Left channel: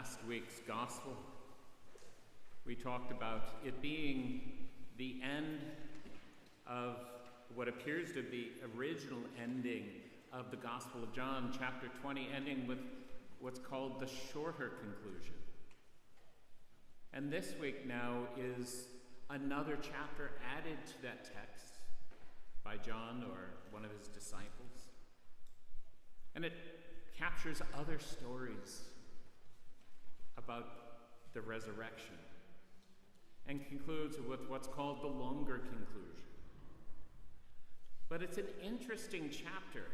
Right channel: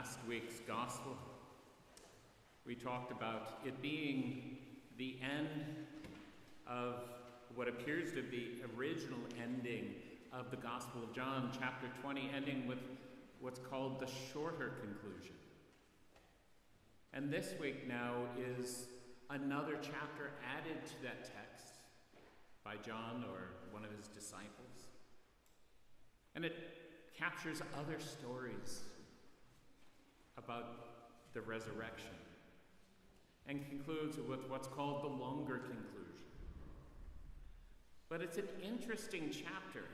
last week's gospel, we talked about it being the end of what appears to be original ending of the Gospel of John, chapter 20, ending with what's called the shorter conclusion. And this week now is another chapter added to that text by John or one of his disciples. And it captures other stories about the resurrection and concludes with what's called the longer conclusion. But it's an interesting chapter.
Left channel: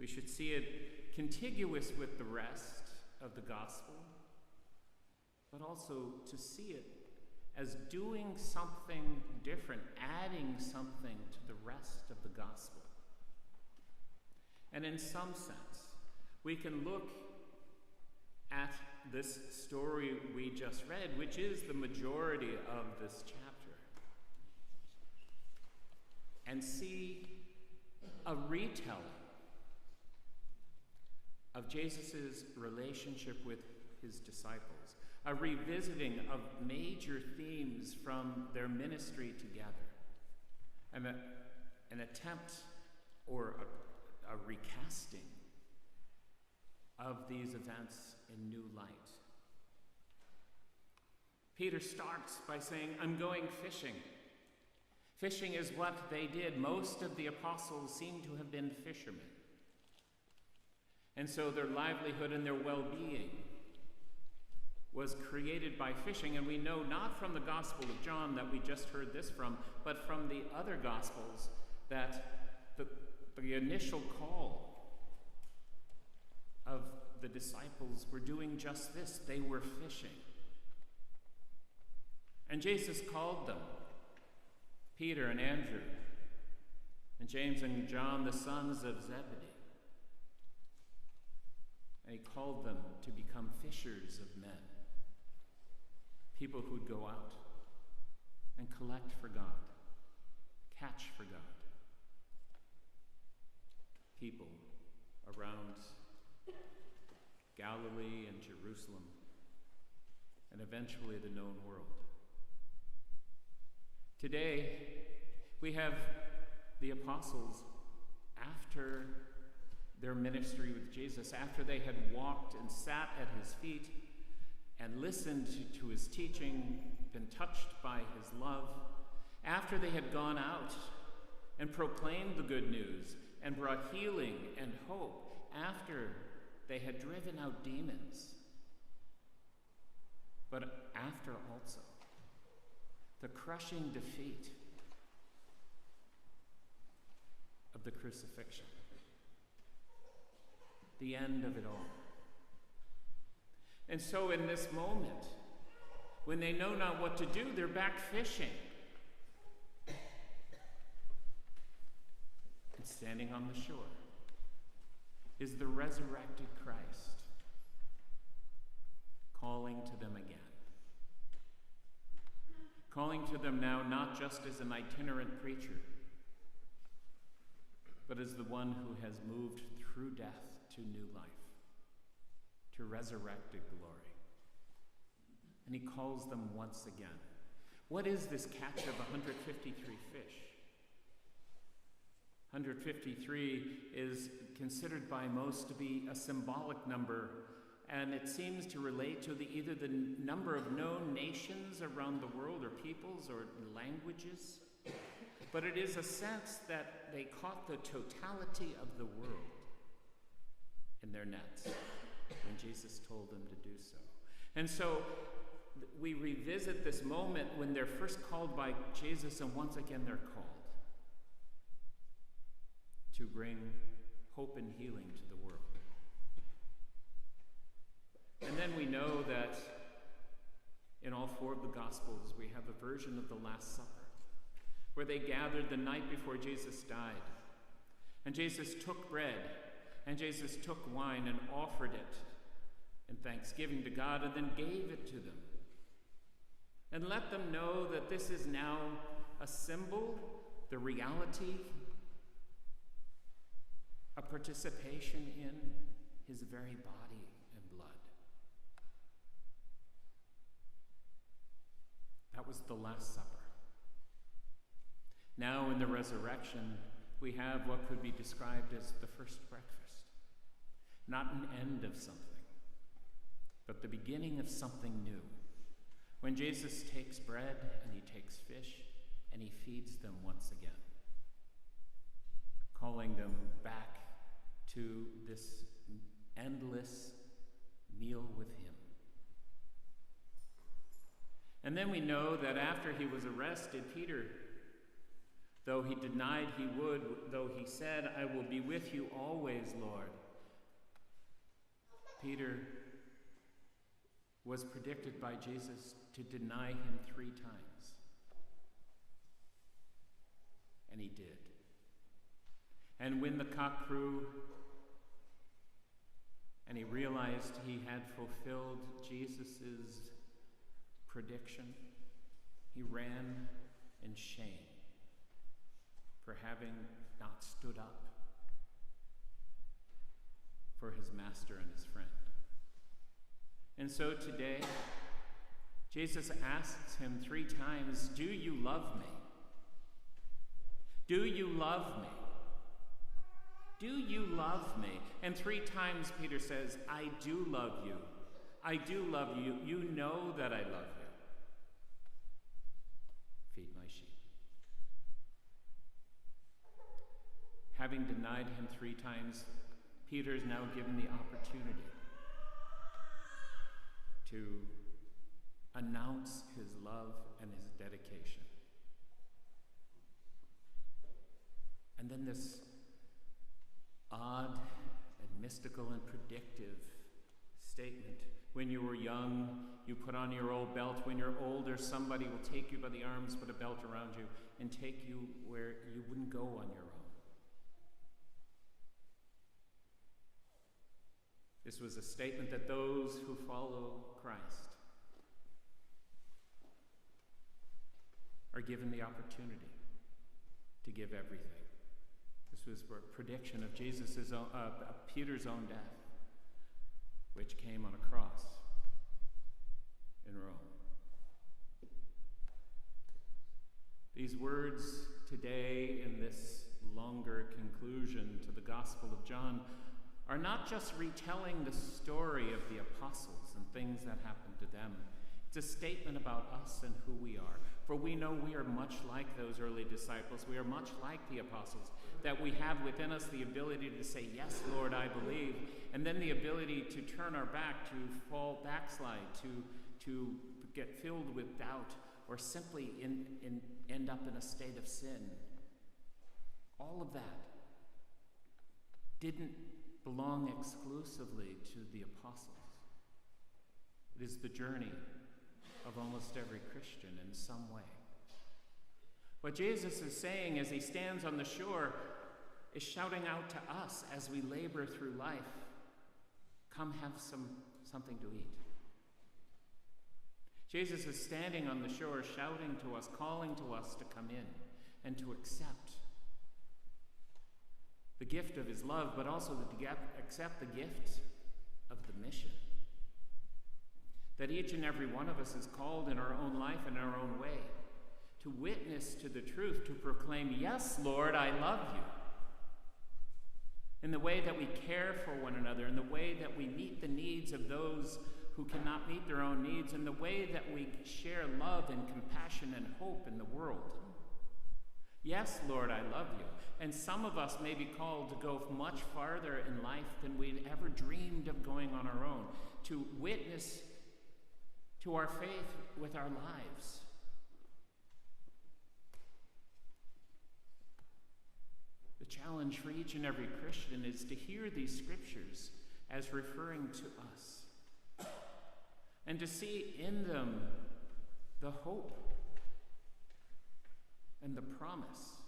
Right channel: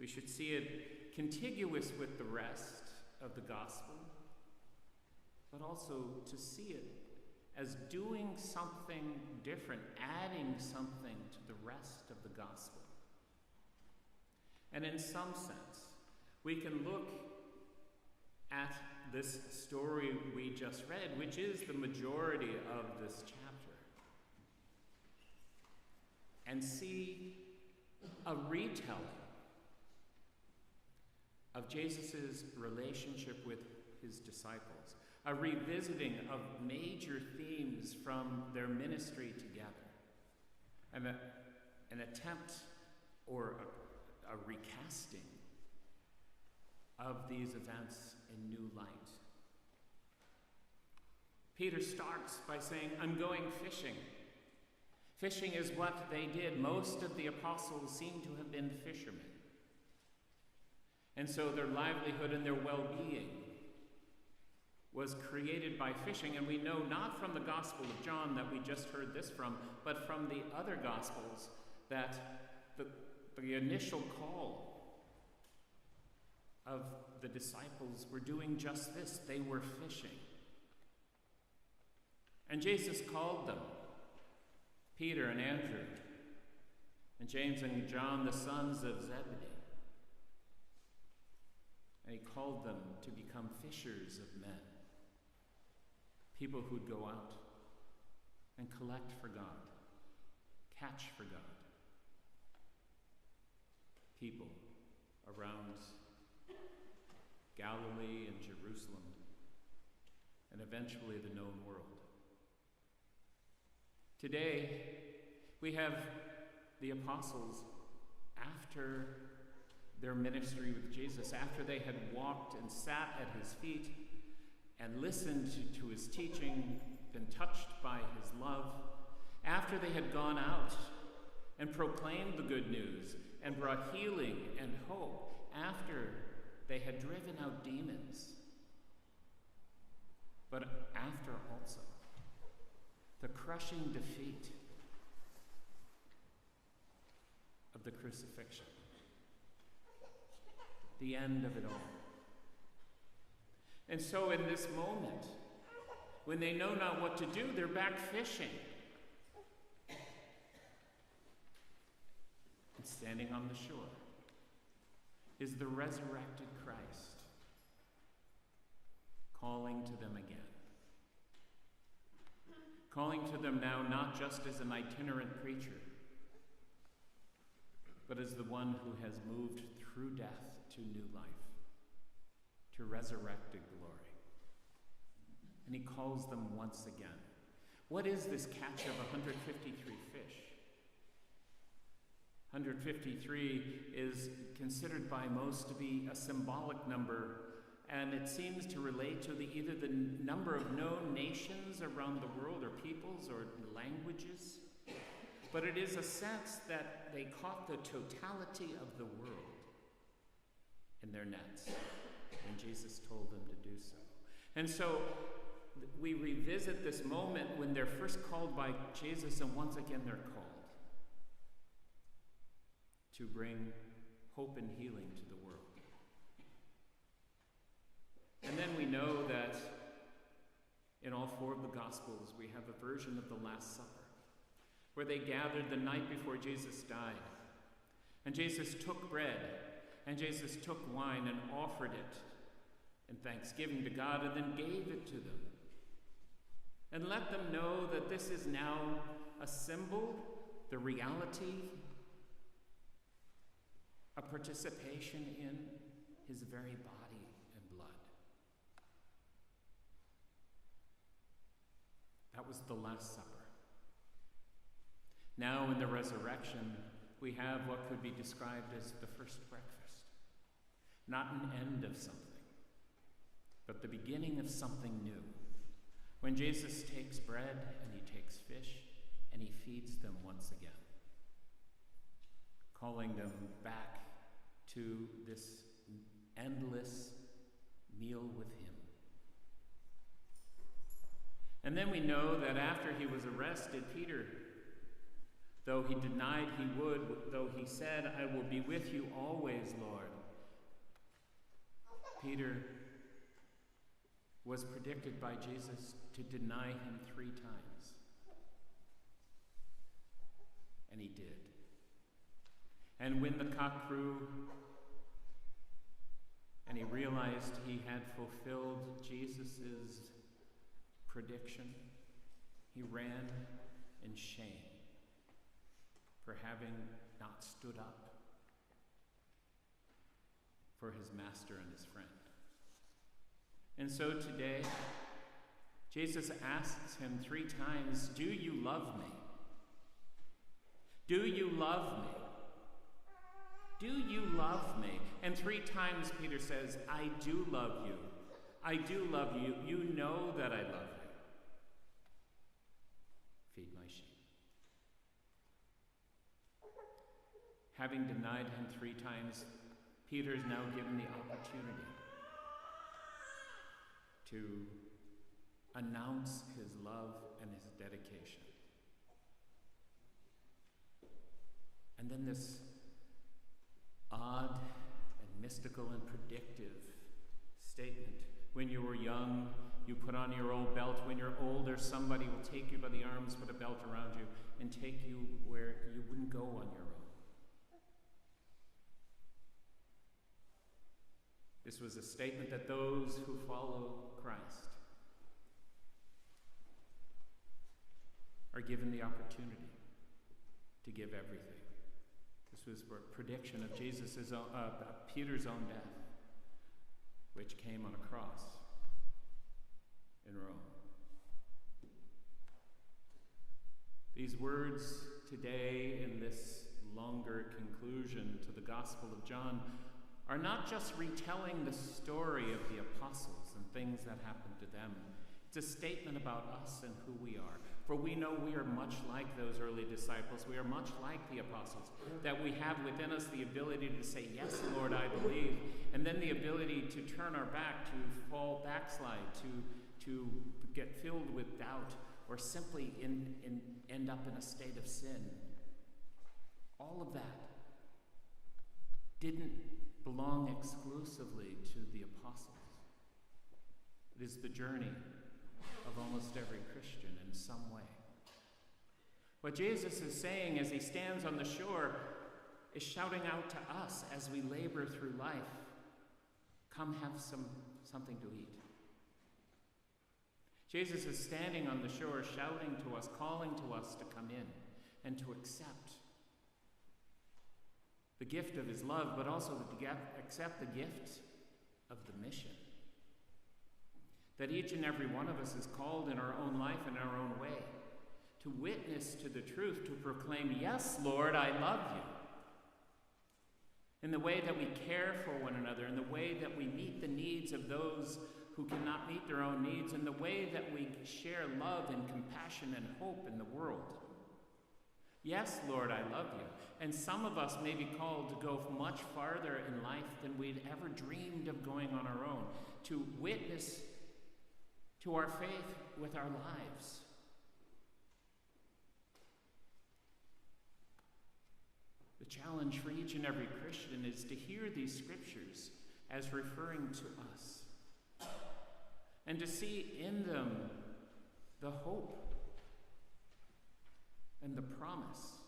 We should see it contiguous with the rest of the gospel, but also to see it as doing something different, adding something to the rest of the gospel. And in some sense, we can look at this story we just read, which is the majority of this chapter, and see a retelling of Jesus' relationship with his disciples, a revisiting of major themes from their ministry together, and an attempt or a recasting of these events in new light. Peter starts by saying, I'm going fishing. Fishing is what they did. Most of the apostles seem to have been fishermen. And so their livelihood and their well-being was created by fishing. And we know not from the Gospel of John that we just heard this from, but from the other Gospels that the initial call of the disciples were doing just this. They were fishing. And Jesus called them, Peter and Andrew, and James and John, the sons of Zebedee. And he called them to become fishers of men, people who'd go out and collect for God, catch for God, people around Galilee and Jerusalem, and eventually the known world. Today, we have the apostles, after their ministry with Jesus, after they had walked and sat at his feet and listened to his teaching, been touched by his love, after they had gone out and proclaimed the good news and brought healing and hope, after they had driven out demons, but after also the crushing defeat of the crucifixion, the end of it all. And so in this moment, when they know not what to do, they're back fishing. And standing on the shore is the resurrected Christ, calling to them again. Calling to them now not just as an itinerant preacher, but as the one who has moved through death to new life, to resurrected glory. And he calls them once again. What is this catch of 153 fish? 153 is considered by most to be a symbolic number, and it seems to relate to either the number of known nations around the world, or peoples, or languages. But it is a sense that they caught the totality of the world in their nets when Jesus told them to do so. And so we revisit this moment when they're first called by Jesus, and once again they're called to bring hope and healing to the world. And then we know that in all four of the Gospels we have a version of the Last Supper, where they gathered the night before Jesus died. And Jesus took bread, and Jesus took wine and offered it in thanksgiving to God, and then gave it to them. And let them know that this is now a symbol, the reality, a participation in his very body and blood. That was the Last Supper. Now in the resurrection, we have what could be described as the first breakfast. Not an end of something, but the beginning of something new. When Jesus takes bread and he takes fish and he feeds them once again, calling them back to this endless meal with him. And then we know that after he was arrested, Peter, though he denied he would, though he said, "I will be with you always, Lord," Peter was predicted by Jesus to deny him 3 times. And he did. And when the cock crew and he realized he had fulfilled Jesus' prediction, he ran in shame for having not stood up for his master and his friend. And so today, Jesus asks him 3 times, "Do you love me? Do you love me? Do you love me?" And 3 times Peter says, "I do love you. I do love you. You know that I love you. Feed my sheep." Having denied him 3 times, Peter is now given the opportunity to announce his love and his dedication. And then this odd and mystical and predictive statement. When you were young, you put on your old belt. When you're older, somebody will take you by the arms, put a belt around you, and take you where you wouldn't go on your own. This was a statement that those who follow Christ are given the opportunity to give everything. This was a prediction of Peter's own death, which came on a cross in Rome. These words today in this longer conclusion to the Gospel of John are not just retelling the story of the apostles and things that happened to them. It's a statement about us and who we are. For we know we are much like those early disciples. We are much like the apostles, that we have within us the ability to say, "Yes, Lord, I believe," and then the ability to turn our back, to fall backslide, to get filled with doubt, or simply end up in a state of sin. All of that didn't belong exclusively to the apostles. It is the journey of almost every Christian in some way. What Jesus is saying as he stands on the shore is shouting out to us as we labor through life, "Come have something to eat." Jesus is standing on the shore shouting to us, calling to us to come in and to accept the gift of his love, but also to accept the gift of the mission. That each and every one of us is called in our own life, in our own way, to witness to the truth, to proclaim, "Yes, Lord, I love you." In the way that we care for one another, in the way that we meet the needs of those who cannot meet their own needs, in the way that we share love and compassion and hope in the world. Yes, Lord, I love you. And some of us may be called to go much farther in life than we'd ever dreamed of going on our own, to witness to our faith with our lives. The challenge for each and every Christian is to hear these scriptures as referring to us, and to see in them the hope and the promise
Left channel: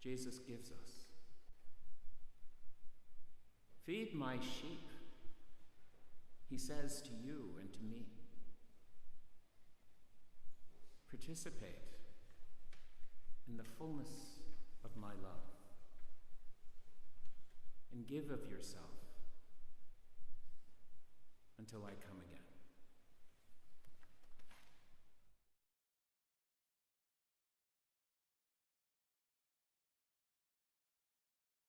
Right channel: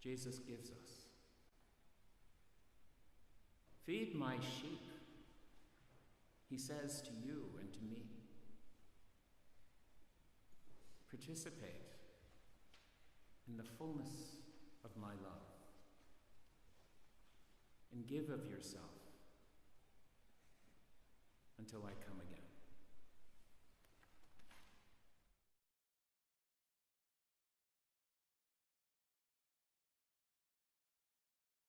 Jesus gives us. "Feed my sheep," he says to you and to me. Participate in the fullness of my love, and give of yourself until I come again.